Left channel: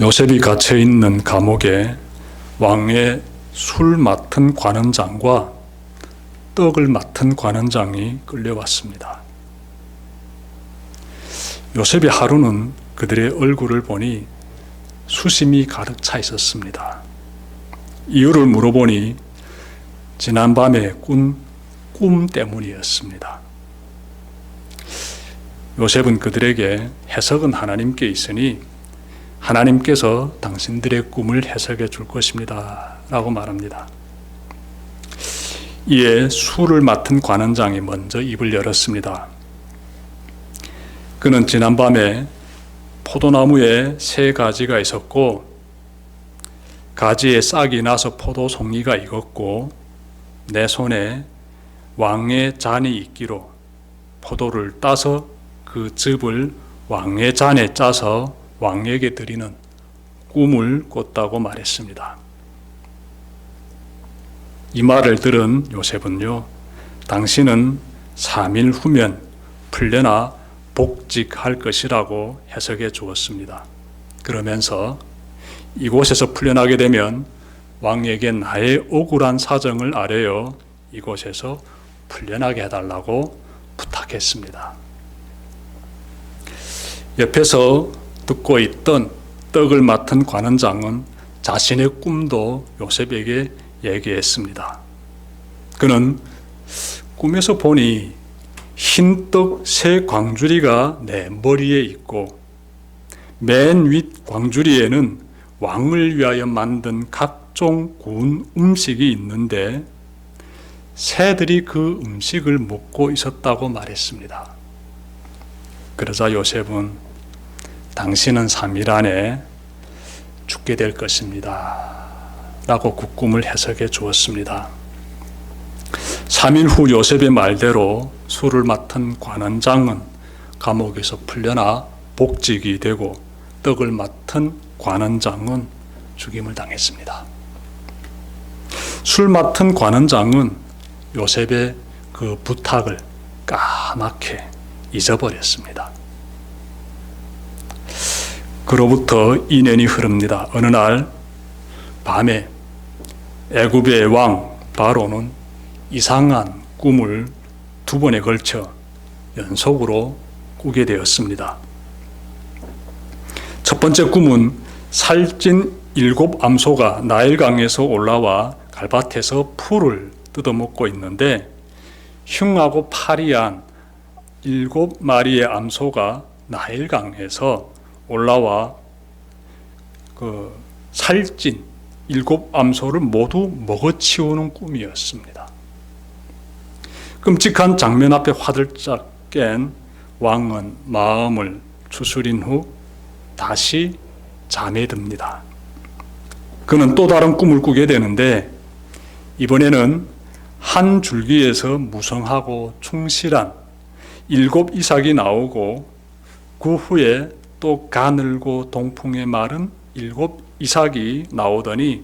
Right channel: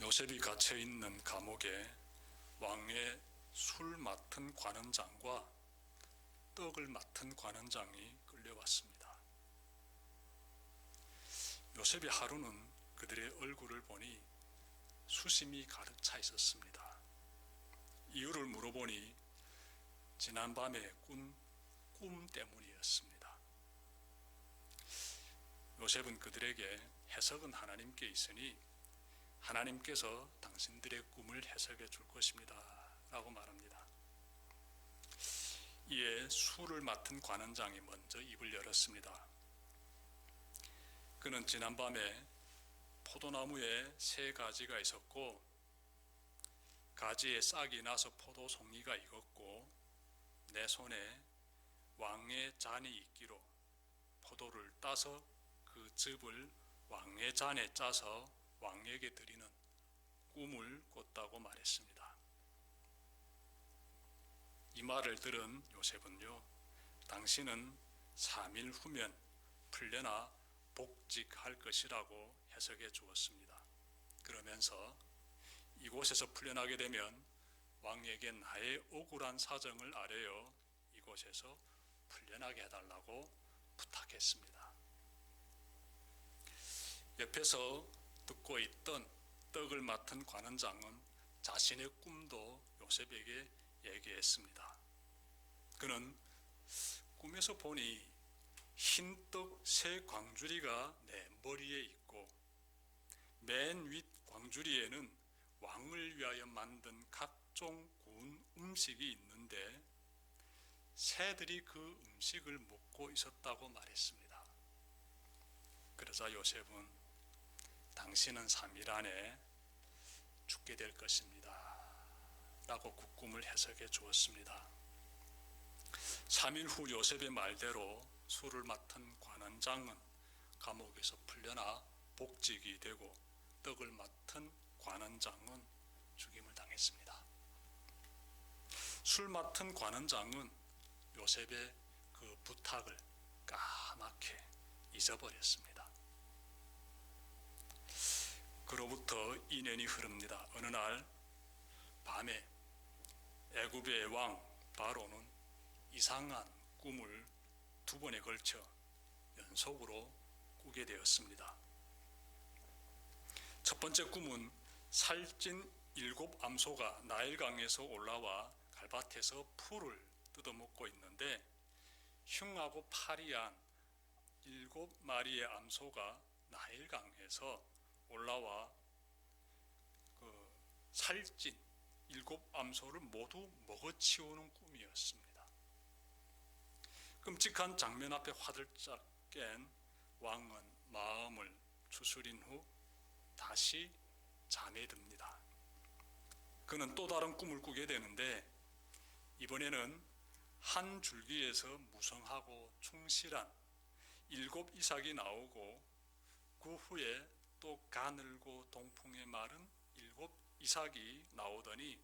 요셉이 갇혀 있는 감옥에 왕의 술 맡은 관원장과 떡을 맡은 관원장이 끌려왔습니다. 요셉의 하루는 그들의 얼굴을 보니 수심이 가득 차 있었습니다. 이유를 물어보니 지난밤에 꾼 꿈 때문이었습니다. 요셉은 그들에게 해석은 하나님께 있으니 하나님께서 당신들의 꿈을 해석해 줄 것입니다 라고 말합니다. 이에 술을 맡은 관원장이 먼저 입을 열었습니다. 그는 지난밤에 포도나무에 세 가지가 있었고 가지에 싹이 나서 포도송이가 익었고 내 손에 왕의 잔이 있기로 포도를 따서 그 즙을 왕의 잔에 짜서 왕에게 드리는 꿈을 꿨다고 말했습니다. 이 말을 들은 요셉은요, 당신은 3일 후면 풀려나 복직할 것이라고 해석해 주었습니다. 그러면서 이곳에서 풀려나게 되면 왕에게 나의 억울한 사정을 아뢰어 이곳에서 풀려나게 해달라고 부탁했습니다. 옆에서 듣고 있던 떡을 맡은 관원장은 자신의 꿈도 요셉에게 얘기했습니다. 그는 꿈에서 보니 흰떡 세 광주리가 내 머리에 있고 맨 윗 광주리에는 왕을 위하여 만든 각종 구운 음식이 있는데 새들이 그 음식을 먹고 있었다고 말했습니다. 그러자 요셉은 당신은 3일 안에 죽게 될 것입니다 라고 그 꿈을 해석해 주었습니다. 3일 후 요셉의 말대로 술을 맡은 관원장은 감옥에서 풀려나 복직이 되고 떡을 맡은 관원장은 죽임을 당했습니다. 술 맡은 관원장은 요셉의 그 부탁을 까맣게 잊어버렸습니다. 그로부터 2년이 흐릅니다. 어느 날 밤에 애굽의 왕 바로는 이상한 꿈을 2번에 걸쳐 연속으로 꾸게 되었습니다. 첫 번째 꿈은 살찐 7 암소가 나일강에서 올라와 갈밭에서 풀을 뜯어먹고 있는데 흉하고 파리한 7마리의 암소가 나일강에서 올라와 그 살찐 7 암소를 모두 먹어치우는 꿈이었습니다. 끔찍한 장면 앞에 화들짝 깬 왕은 마음을 추스린 후 다시 잠에 듭니다. 그는 또 다른 꿈을 꾸게 되는데 이번에는 한 줄기에서 무성하고 충실한 7 이삭이 나오고 그 후에 또 가늘고 동풍에 마른 7 이삭이 나오더니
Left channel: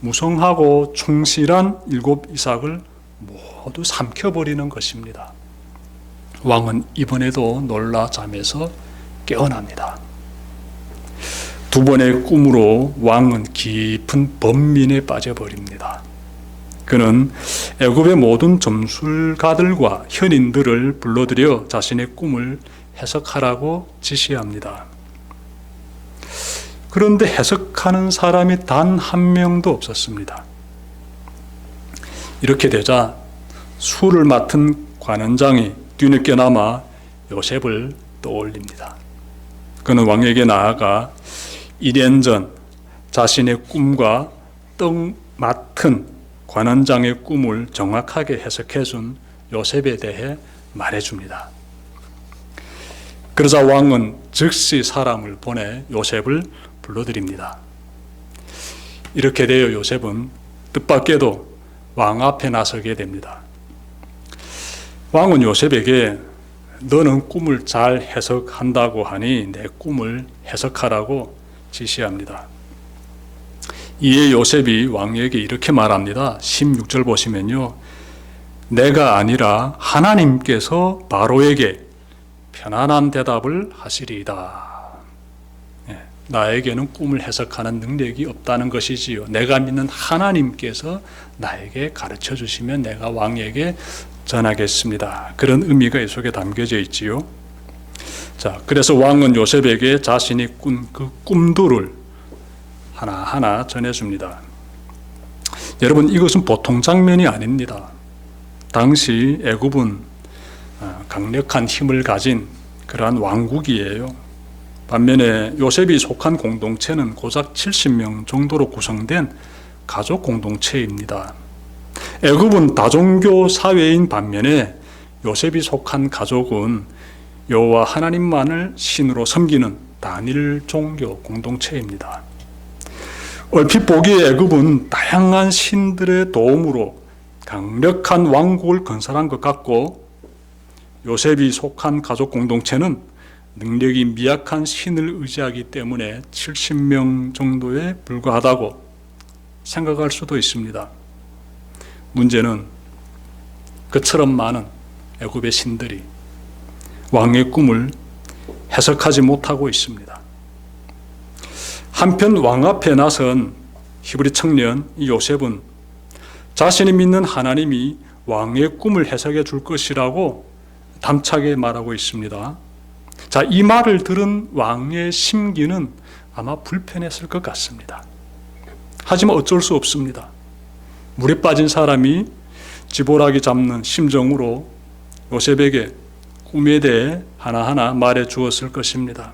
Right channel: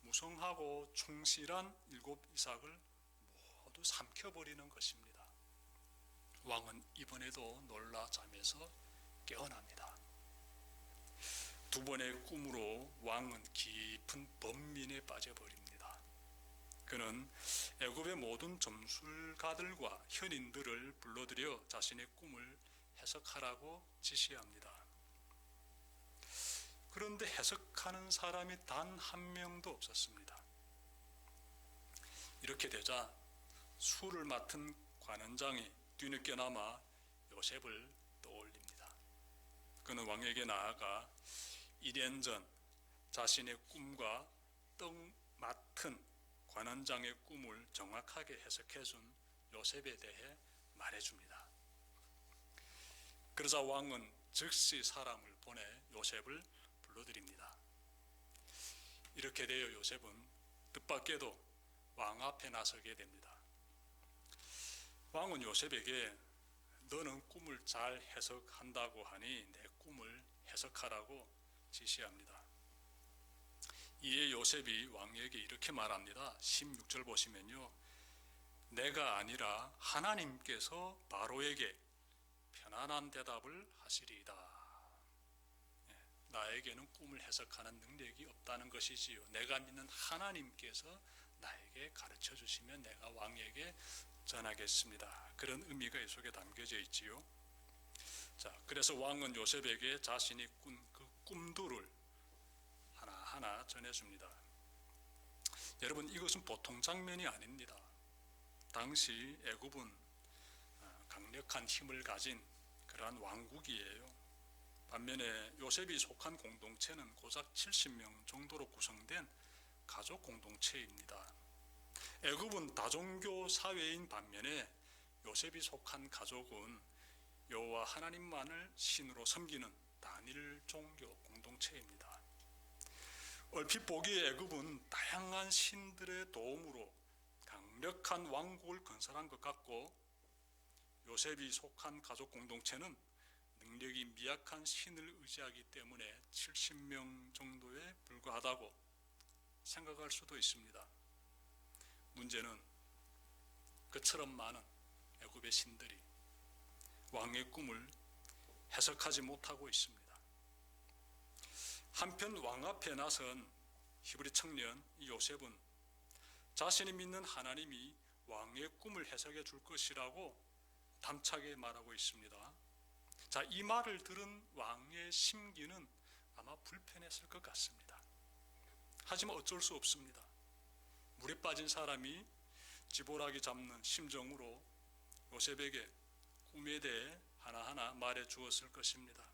무성하고 충실한 7 이삭을 모두 삼켜버리는 것입니다. 왕은 이번에도 놀라 잠에서 깨어납니다. 2번의 꿈으로 왕은 깊은 번민에 빠져버립니다. 그는 애굽의 모든 점술가들과 현인들을 불러들여 자신의 꿈을 해석하라고 지시합니다. 그런데 해석하는 사람이 단 한 명도 없었습니다. 이렇게 되자 술을 맡은 관원장이 뒤늦게나마 요셉을 떠올립니다. 그는 왕에게 나아가 2년 전 자신의 꿈과 떡 맡은 관원장의 꿈을 정확하게 해석해준 요셉에 대해 말해줍니다. 그러자 왕은 즉시 사람을 보내 요셉을 불러들입니다. 이렇게 되어 요셉은 뜻밖에도 왕 앞에 나서게 됩니다. 왕은 요셉에게 너는 꿈을 잘 해석한다고 하니 내 꿈을 해석하라고 지시합니다. 이에 요셉이 왕에게 이렇게 말합니다. 16절 보시면요. 내가 아니라 하나님께서 바로에게 편안한 대답을 하시리이다. 나에게는 꿈을 해석하는 능력이 없다는 것이지요. 내가 믿는 하나님께서 나에게 가르쳐 주시면 내가 왕에게 전하겠습니다. 그런 의미가 이 속에 담겨져 있지요. 자, 그래서 왕은 요셉에게 자신이 꾼 그 꿈들을 하나하나 전해줍니다. 여러분, 이것은 보통 장면이 아닙니다. 당시 애굽은 강력한 힘을 가진 그러한 왕국이에요. 반면에 요셉이 속한 공동체는 고작 70명 정도로 구성된 가족 공동체입니다. 애굽은 다종교 사회인 반면에 요셉이 속한 가족은 여호와 하나님만을 신으로 섬기는 단일 종교 공동체입니다. 얼핏 보기에 애굽은 다양한 신들의 도움으로 강력한 왕국을 건설한 것 같고, 요셉이 속한 가족 공동체는 능력이 미약한 신을 의지하기 때문에 70명 정도에 불과하다고 생각할 수도 있습니다. 문제는 그처럼 많은 애굽의 신들이 왕의 꿈을 해석하지 못하고 있습니다. 한편 왕 앞에 나선 히브리 청년 요셉은 자신이 믿는 하나님이 왕의 꿈을 해석해 줄 것이라고 담차게 말하고 있습니다. 자, 이 말을 들은 왕의 심기는 아마 불편했을 것 같습니다. 하지만 어쩔 수 없습니다. 물에 빠진 사람이 지푸라기 잡는 심정으로 요셉에게 꿈에 대해 하나하나 말해 주었을 것입니다.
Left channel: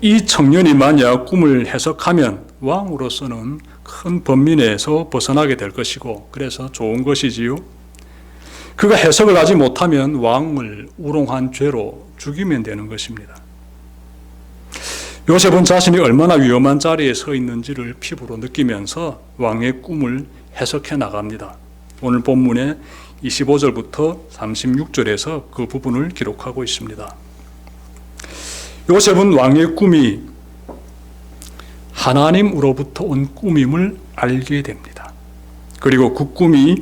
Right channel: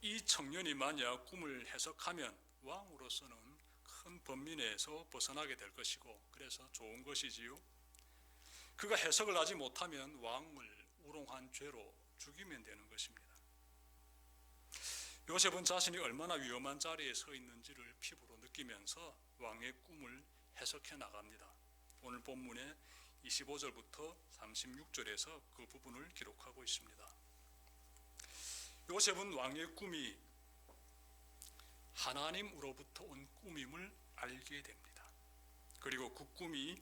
이 청년이 만약 꿈을 해석하면 왕으로서는 큰 번민에서 벗어나게 될 것이고, 그래서 좋은 것이지요. 그가 해석을 하지 못하면 왕을 우롱한 죄로 죽이면 되는 것입니다. 요셉은 자신이 얼마나 위험한 자리에 서 있는지를 피부로 느끼면서 왕의 꿈을 해석해 나갑니다. 오늘 본문의 25절부터 36절에서 그 부분을 기록하고 있습니다. 요셉은 왕의 꿈이 하나님으로부터 온 꿈임을 알게 됩니다. 그리고 그 꿈이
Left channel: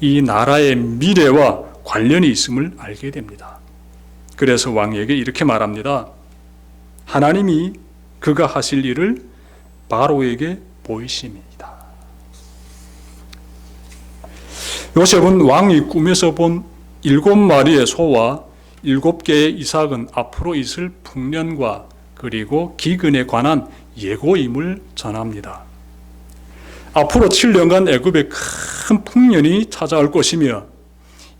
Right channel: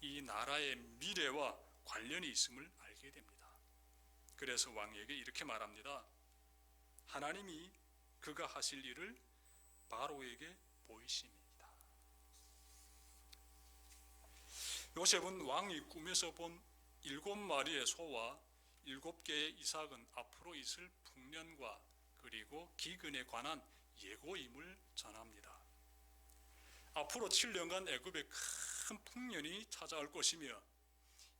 이 나라의 미래와 관련이 있음을 알게 됩니다. 그래서 왕에게 이렇게 말합니다. 하나님이 그가 하실 일을 바로에게 보이심이다. 요셉은 왕이 꿈에서 본 7마리의 소와 7개의 이삭은 앞으로 있을 풍년과 그리고 기근에 관한 예고임을 전합니다. 앞으로 7년간 애굽에 큰 풍년이 찾아올 것이며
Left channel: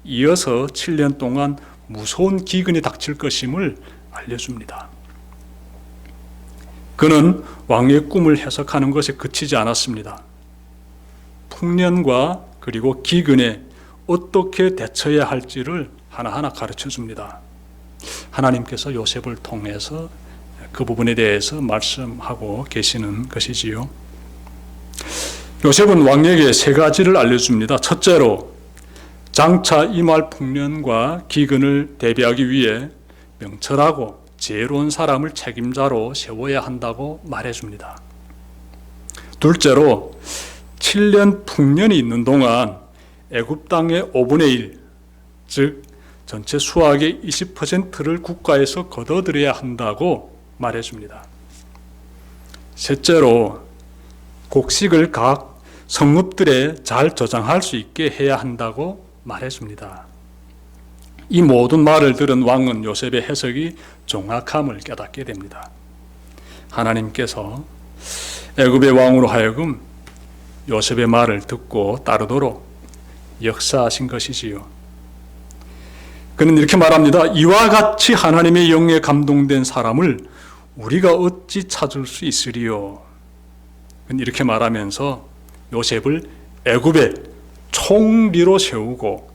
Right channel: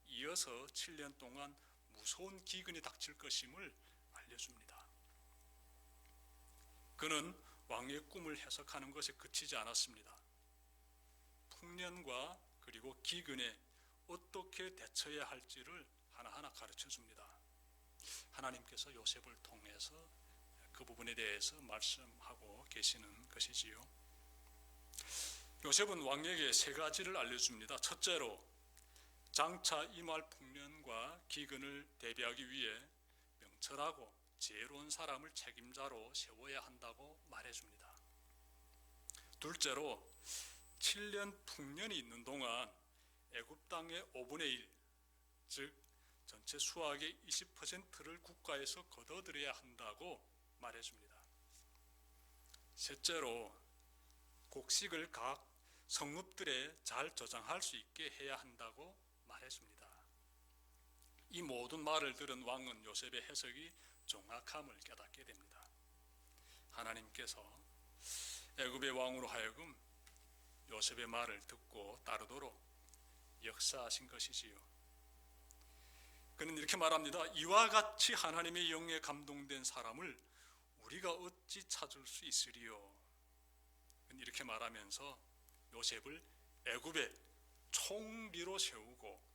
이어서 7년 동안 무서운 기근이 닥칠 것임을 알려줍니다. 그는 왕의 꿈을 해석하는 것에 그치지 않았습니다. 풍년과 그리고 기근에 어떻게 대처해야 할지를 하나하나 가르쳐 줍니다. 하나님께서 요셉을 통해서 그 부분에 대해서 말씀하고 계시는 것이지요. 요셉은 왕에게 3가지를 알려줍니다. 첫째로, 장차 임할 풍년과 기근을 대비하기 위해 명철하고 지혜로운 사람을 책임자로 세워야 한다고 말해줍니다. 둘째로, 7년 풍년이 있는 동안 애굽 땅의 5분의 1, 즉 전체 수확의 20%를 국가에서 걷어들여야 한다고 말해줍니다. 셋째로, 곡식을 각 성읍들에 잘 저장할 수 있게 해야 한다고 말해줍니다. 이 모든 말을 들은 왕은 요셉의 해석이 정확함을 깨닫게 됩니다. 하나님께서 애굽의 왕으로 하여금 요셉의 말을 듣고 따르도록 역사하신 것이지요. 그는 이렇게 말합니다. 이와 같이 하나님의 영에 감동된 사람을 우리가 어찌 찾을 수 있으리요. 그는 이렇게 말하면서 요셉을 애굽의 총리로 세우고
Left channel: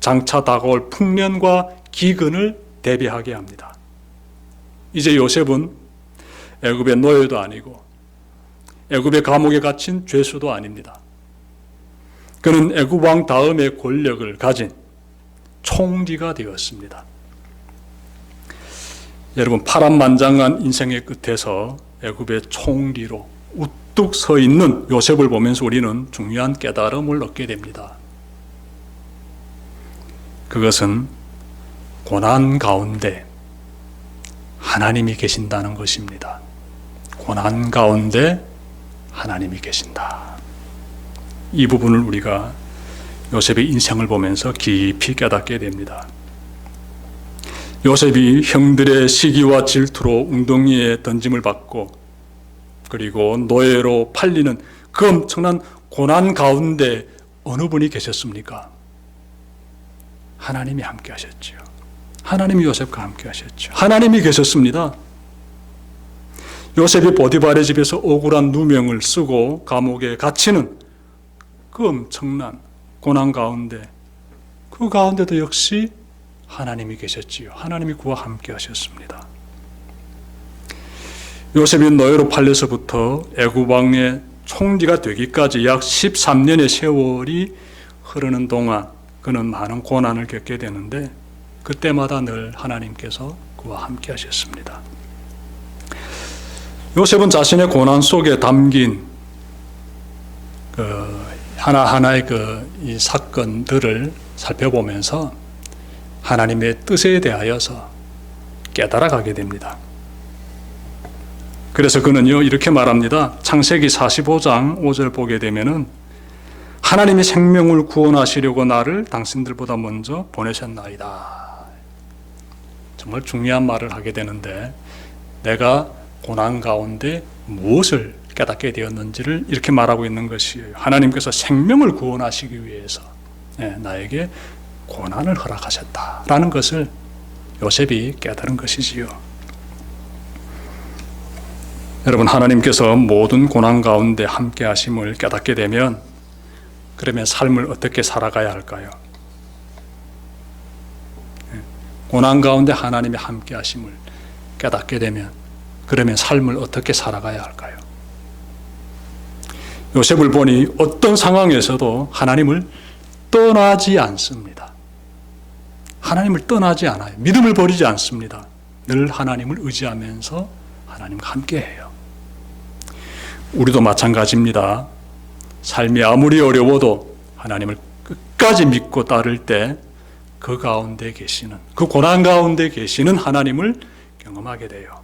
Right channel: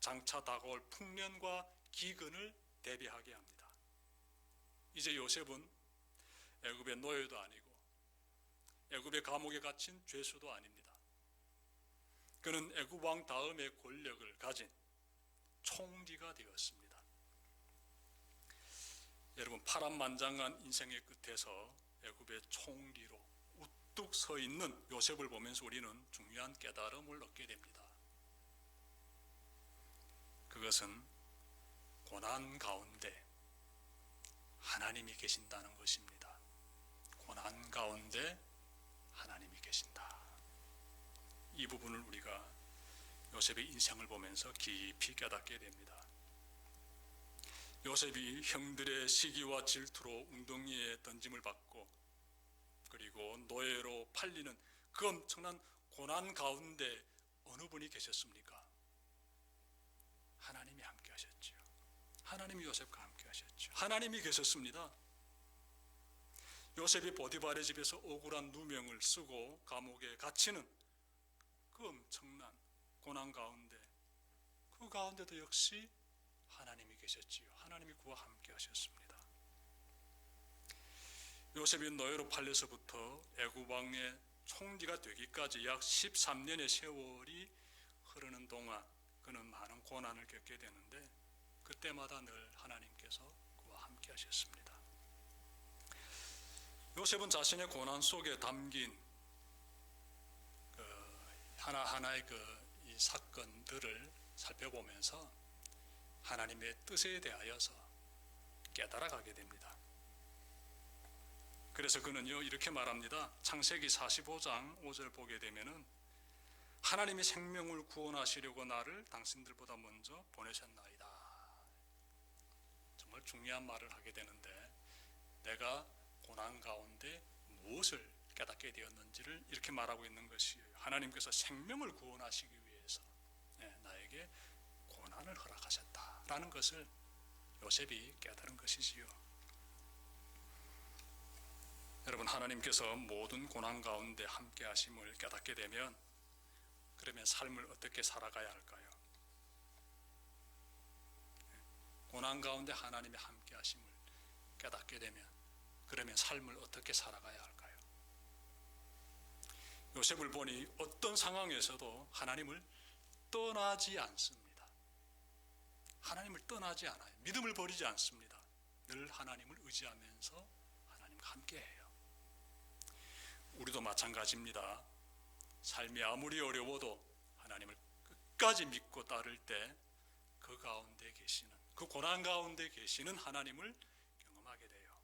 장차 다가올 풍년과 기근을 대비하게 합니다. 이제 요셉은 애굽의 노예도 아니고 애굽의 감옥에 갇힌 죄수도 아닙니다. 그는 애굽 왕 다음의 권력을 가진 총리가 되었습니다. 여러분, 파란만장한 인생의 끝에서 애굽의 총리로 우뚝 서 있는 요셉을 보면서 우리는 중요한 깨달음을 얻게 됩니다. 그것은 고난 가운데 하나님이 계신다는 것입니다. 고난 가운데 하나님이 계신다. 이 부분을 우리가 요셉의 인생을 보면서 깊이 깨닫게 됩니다. 요셉이 형들의 시기와 질투로 웅덩이에 던짐을 받고 그리고 노예로 팔리는 그 엄청난 고난 가운데 어느 분이 계셨습니까? 하나님이 함께 하셨죠. 하나님이 요셉과 함께 하셨죠. 하나님이 계셨습니다. 요셉이 보디발의 집에서 억울한 누명을 쓰고 감옥에 갇히는 그 엄청난 고난 가운데, 그 가운데도 역시 하나님이 계셨지요. 하나님이 그와 함께 하셨습니다. 요셉이 노예로 팔려서부터 애굽 왕의 총리가 되기까지 약 13년의 세월이 흐르는 동안 그는 많은 고난을 겪게 되는데 그때마다 늘 하나님께서 그와 함께 하셨습니다. 요셉은 자신의 고난 속에 담긴 하나하나의 이 사건들을 살펴보면서 하나님의 뜻에 대하여서 깨달아가게 됩니다. 그래서 그는요 이렇게 말합니다. 창세기 45장 5절 보게 되면은 하나님이 생명을 구원하시려고 나를 당신들보다 먼저 보내셨나이다. 정말 중요한 말을 하게 되는데 내가 고난 가운데 무엇을 깨닫게 되었는지를 이렇게 말하고 있는 것이에요. 하나님께서 생명을 구원하시기 위해서 나에게 고난을 허락하셨다라는 것을 요셉이 깨달은 것이지요. 여러분, 하나님께서 모든 고난 가운데 함께 하심을 깨닫게 되면 그러면 삶을 어떻게 살아가야 할까요? 고난 가운데 하나님이 함께 하심을 깨닫게 되면 그러면 삶을 어떻게 살아가야 할까요? 요셉을 보니 어떤 상황에서도 하나님을 떠나지 않습니다. 하나님을 떠나지 않아요. 믿음을 버리지 않습니다. 늘 하나님을 의지하면서 하나님과 함께해요. 우리도 마찬가지입니다. 삶이 아무리 어려워도 하나님을 끝까지 믿고 따를 때 그 가운데 계시는, 그 고난 가운데 계시는 하나님을 경험하게 돼요.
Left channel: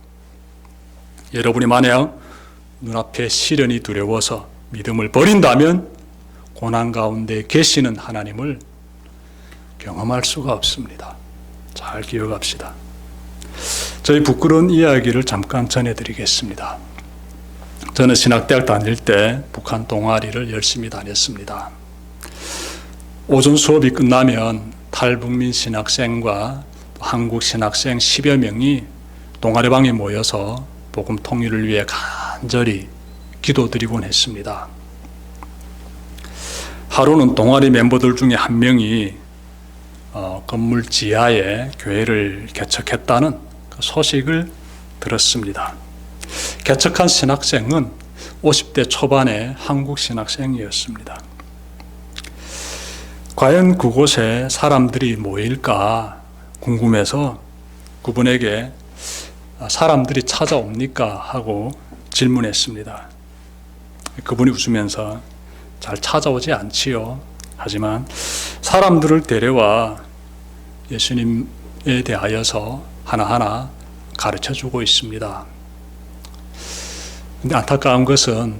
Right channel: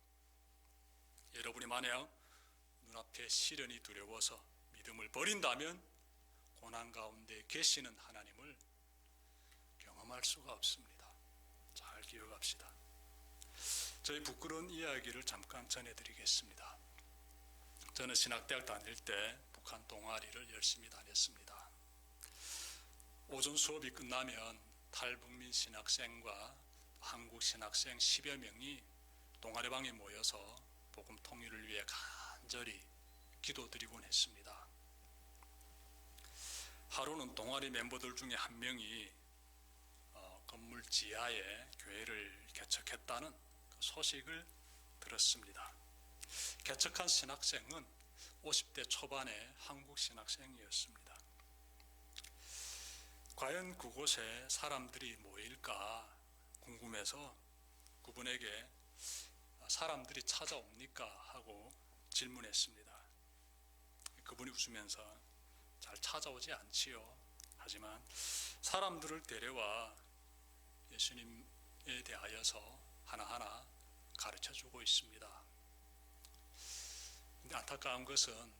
여러분이 만약 눈앞에 시련이 두려워서 믿음을 버린다면 고난 가운데 계시는 하나님을 경험할 수가 없습니다. 잘 기억합시다. 저희 부끄러운 이야기를 잠깐 전해드리겠습니다. 저는 신학대학 다닐 때 북한 동아리를 열심히 다녔습니다. 오전 수업이 끝나면 탈북민 신학생과 한국 신학생 10여 명이 동아리방에 모여서 복음 통일을 위해 간절히 기도드리곤 했습니다. 하루는 동아리 멤버들 중에 한 명이 건물 지하에 교회를 개척했다는 그 소식을 들었습니다. 개척한 신학생은 50대 초반의 한국 신학생이었습니다. 과연 그곳에 사람들이 모일까 궁금해서 그분에게 사람들이 찾아옵니까? 하고 질문했습니다. 그분이 웃으면서 잘 찾아오지 않지요. 하지만 사람들을 데려와 예수님에 대하여서 하나하나 가르쳐주고 있습니다. 근데 안타까운 것은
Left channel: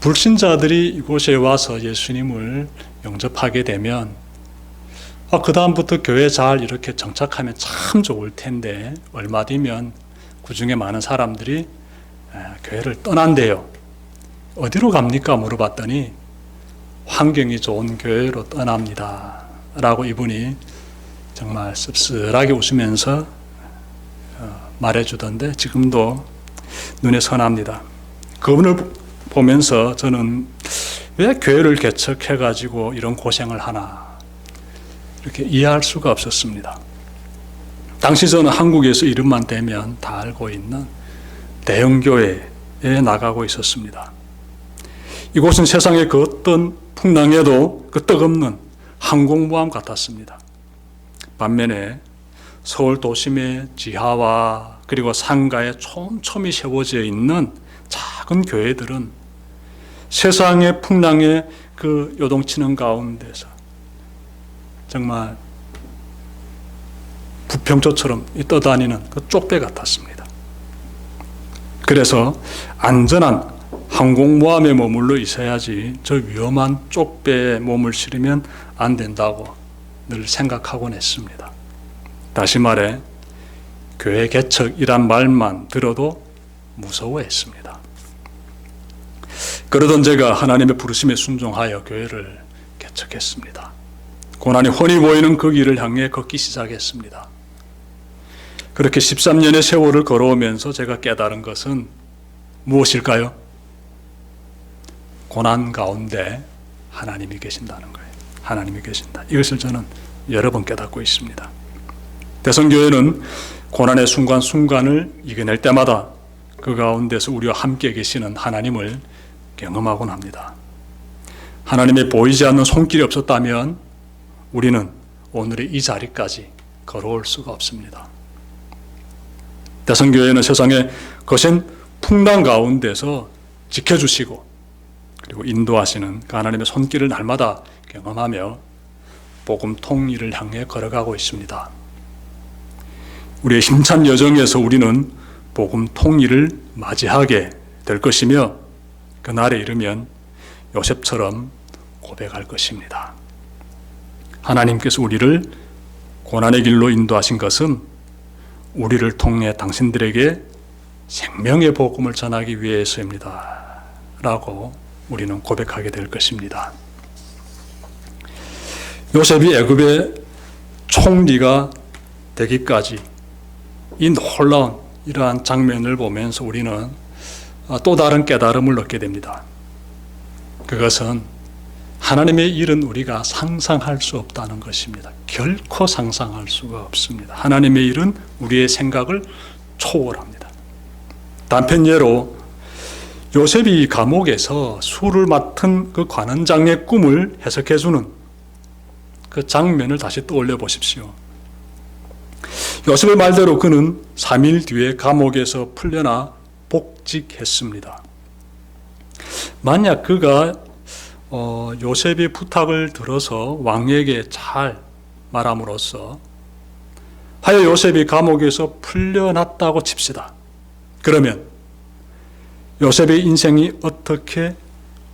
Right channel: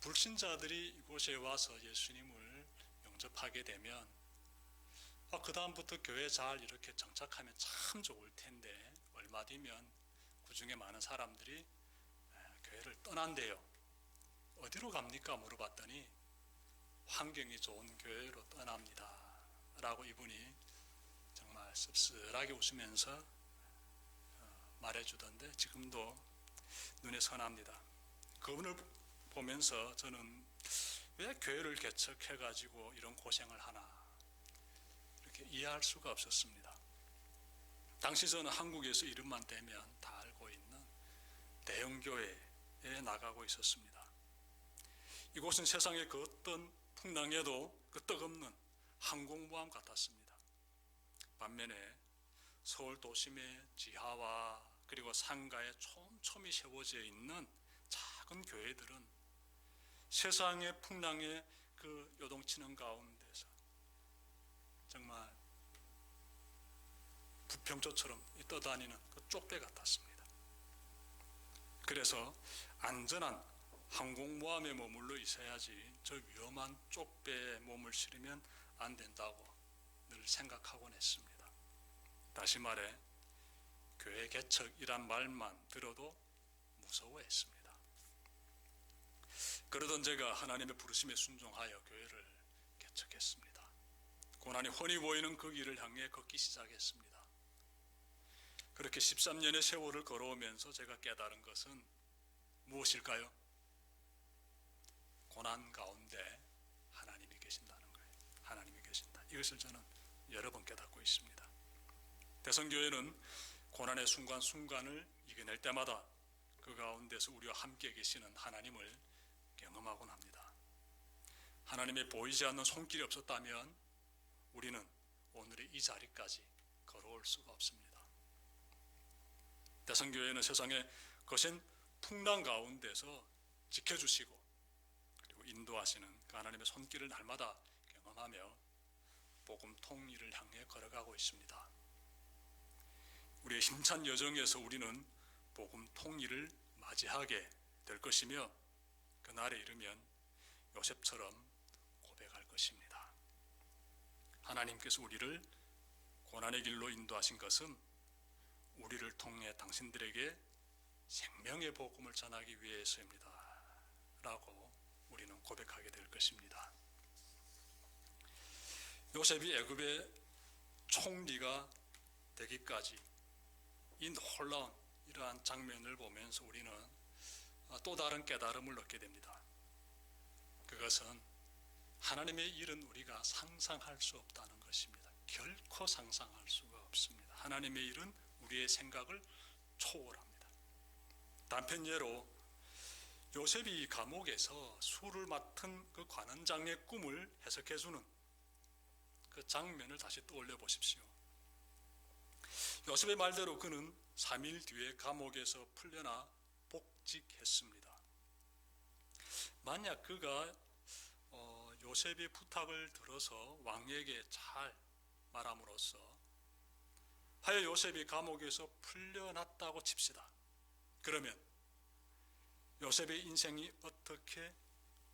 불신자들이 이곳에 와서 예수님을 영접하게 되면 그 다음부터 교회 잘 이렇게 정착하면 참 좋을 텐데 얼마 뒤면 그 중에 많은 사람들이 교회를 떠난대요. 어디로 갑니까? 물어봤더니 환경이 좋은 교회로 떠납니다. 라고 이분이 정말 씁쓸하게 웃으면서 말해주던데 지금도 눈에 선합니다. 그분을 보면서 저는 왜 교회를 개척해가지고 이런 고생을 하나 이렇게 이해할 수가 없었습니다. 당시 저는 한국에서 이름만 대면 다 알고 있는 대형교회에 나가고 있었습니다. 이곳은 세상의 그 어떤 풍랑에도 끄떡없는 항공모함 같았습니다. 반면에 서울 도심의 지하와 그리고 상가에 촘촘히 세워져 있는 작은 교회들은 세상의 풍랑에 그 요동치는 가운데서 정말 부평초처럼 떠다니는 그 쪽배 같았습니다. 그래서 안전한 항공모함에 머물러 있어야지 저 위험한 쪽배에 몸을 실으면 안 된다고 늘 생각하곤 했습니다. 다시 말해 교회 개척이란 말만 들어도 무서워했습니다. 그러던 제가 하나님의 부르심에 순종하여 교회를 개척했습니다. 고난이 훤히 보이는 그 길을 향해 걷기 시작했습니다. 그렇게 13년의 세월을 걸어오면서 제가 깨달은 것은 무엇일까요? 고난 가운데 하나님이 계신다는 거예요. 하나님이 계신다. 이것을 저는 여러 번 깨닫고 있습니다. 대성교회는 고난의 순간순간을 이겨낼 때마다 그 가운데서 우리와 함께 계시는 하나님을 경험하곤 합니다. 하나님의 보이지 않는 손길이 없었다면 우리는 오늘의 이 자리까지 걸어올 수가 없습니다. 대성교회는 세상의 거센 풍랑 가운데서 지켜주시고 그리고 인도하시는 그 하나님의 손길을 날마다 경험하며 복음 통일을 향해 걸어가고 있습니다. 우리의 힘찬 여정에서 우리는 복음 통일을 맞이하게 될 것이며 그날에 이르면 요셉처럼 고백할 것입니다. 하나님께서 우리를 고난의 길로 인도하신 것은 우리를 통해 당신들에게 생명의 복음을 전하기 위해서입니다. 라고 우리는 고백하게 될 것입니다. 요셉이 애굽의 총리가 되기까지 이 놀라운 이러한 장면을 보면서 우리는 또 다른 깨달음을 얻게 됩니다. 그것은 하나님의 일은 우리가 상상할 수 없다는 것입니다. 결코 상상할 수가 없습니다. 하나님의 일은 우리의 생각을 초월합니다. 단편 예로 요셉이 감옥에서 술을 맡은 그 관원장의 꿈을 해석해주는 그 장면을 다시 떠올려 보십시오. 요셉의 말대로 그는 3일 뒤에 감옥에서 풀려나 복직했습니다. 만약 그가 요셉의 부탁을 들어서 왕에게 잘 말함으로써 하여 요셉이 감옥에서 풀려났다고 칩시다. 그러면 요셉의 인생이 어떻게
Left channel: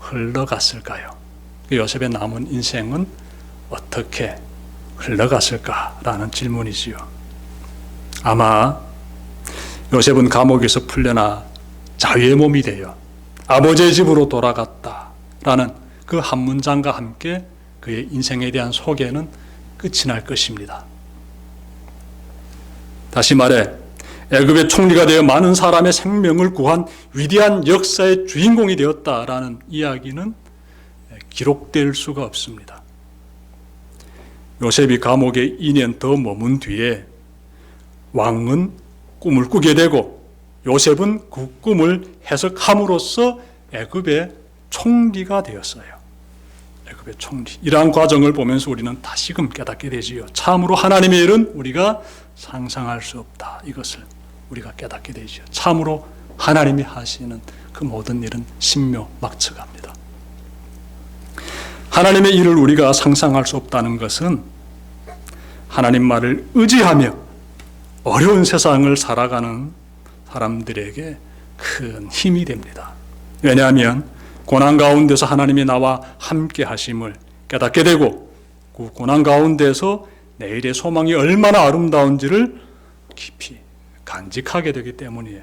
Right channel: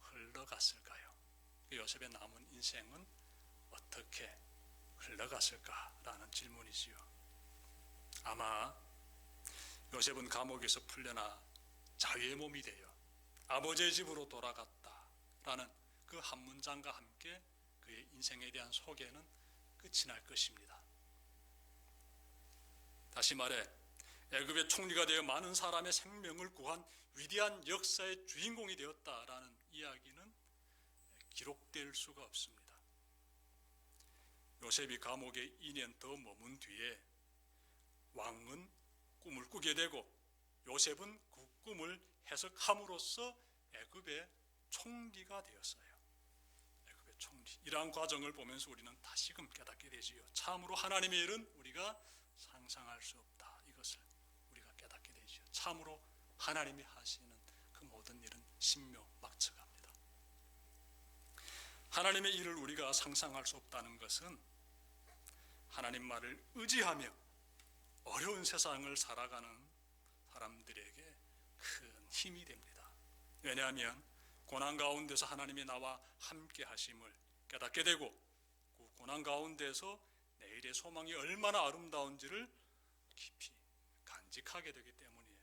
흘러갔을까요? 요셉의 남은 인생은 어떻게 흘러갔을까라는 질문이지요. 아마 요셉은 감옥에서 풀려나 자유의 몸이 되어 아버지의 집으로 돌아갔다라는 그 한 문장과 함께 그의 인생에 대한 소개는 끝이 날 것입니다. 다시 말해 애굽의 총리가 되어 많은 사람의 생명을 구한 위대한 역사의 주인공이 되었다라는 이야기는 기록될 수가 없습니다. 요셉이 감옥에 2년 더 머문 뒤에 왕은 꿈을 꾸게 되고 요셉은 그 꿈을 해석함으로써 애굽의 총리가 되었어요. 애굽의 총리. 이러한 과정을 보면서 우리는 다시금 깨닫게 되지요. 참으로 하나님의 일은 우리가 상상할 수 없다. 이것을 우리가 깨닫게 되지요. 참으로 하나님이 하시는 그 모든 일은 신묘막측합니다. 하나님의 일을 우리가 상상할 수 없다는 것은 하나님 말을 의지하며 어려운 세상을 살아가는 사람들에게 큰 힘이 됩니다. 왜냐하면 고난 가운데서 하나님이 나와 함께 하심을 깨닫게 되고 그 고난 가운데서 내일의 소망이 얼마나 아름다운지를 깊이 간직하게 되기 때문이에요.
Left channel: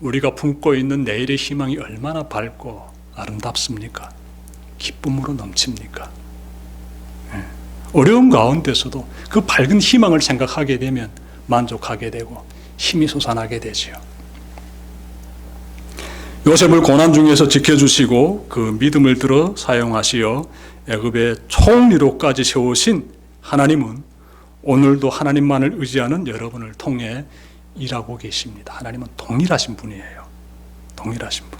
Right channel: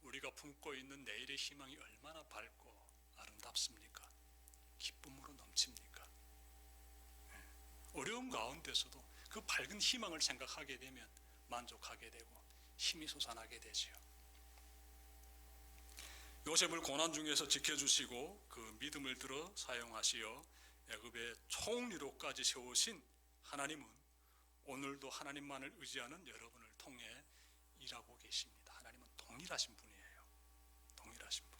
우리가 품고 있는 내일의 희망이 얼마나 밝고 아름답습니까? 기쁨으로 넘칩니까? 어려운 가운데서도 그 밝은 희망을 생각하게 되면 만족하게 되고 힘이 솟아나게 되지요. 요셉을 고난 중에서 지켜주시고 그 믿음을 들어 사용하시어 애굽의 총리로까지 세우신 하나님은 오늘도 하나님만을 의지하는 여러분을 통해 일하고 계십니다. 하나님은 동일하신 분이에요. 동일하신 분.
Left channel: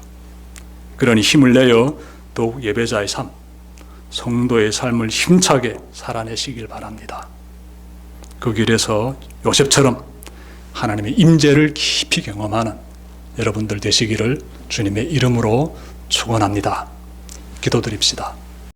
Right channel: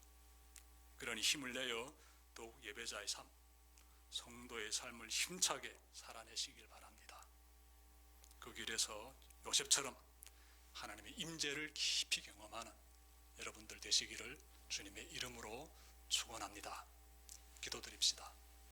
그러니 힘을 내어 더욱 예배자의 삶, 성도의 삶을 힘차게 살아내시길 바랍니다. 그 길에서 요셉처럼 하나님의 임재를 깊이 경험하는 여러분들 되시기를 주님의 이름으로 축원합니다. 기도드립시다.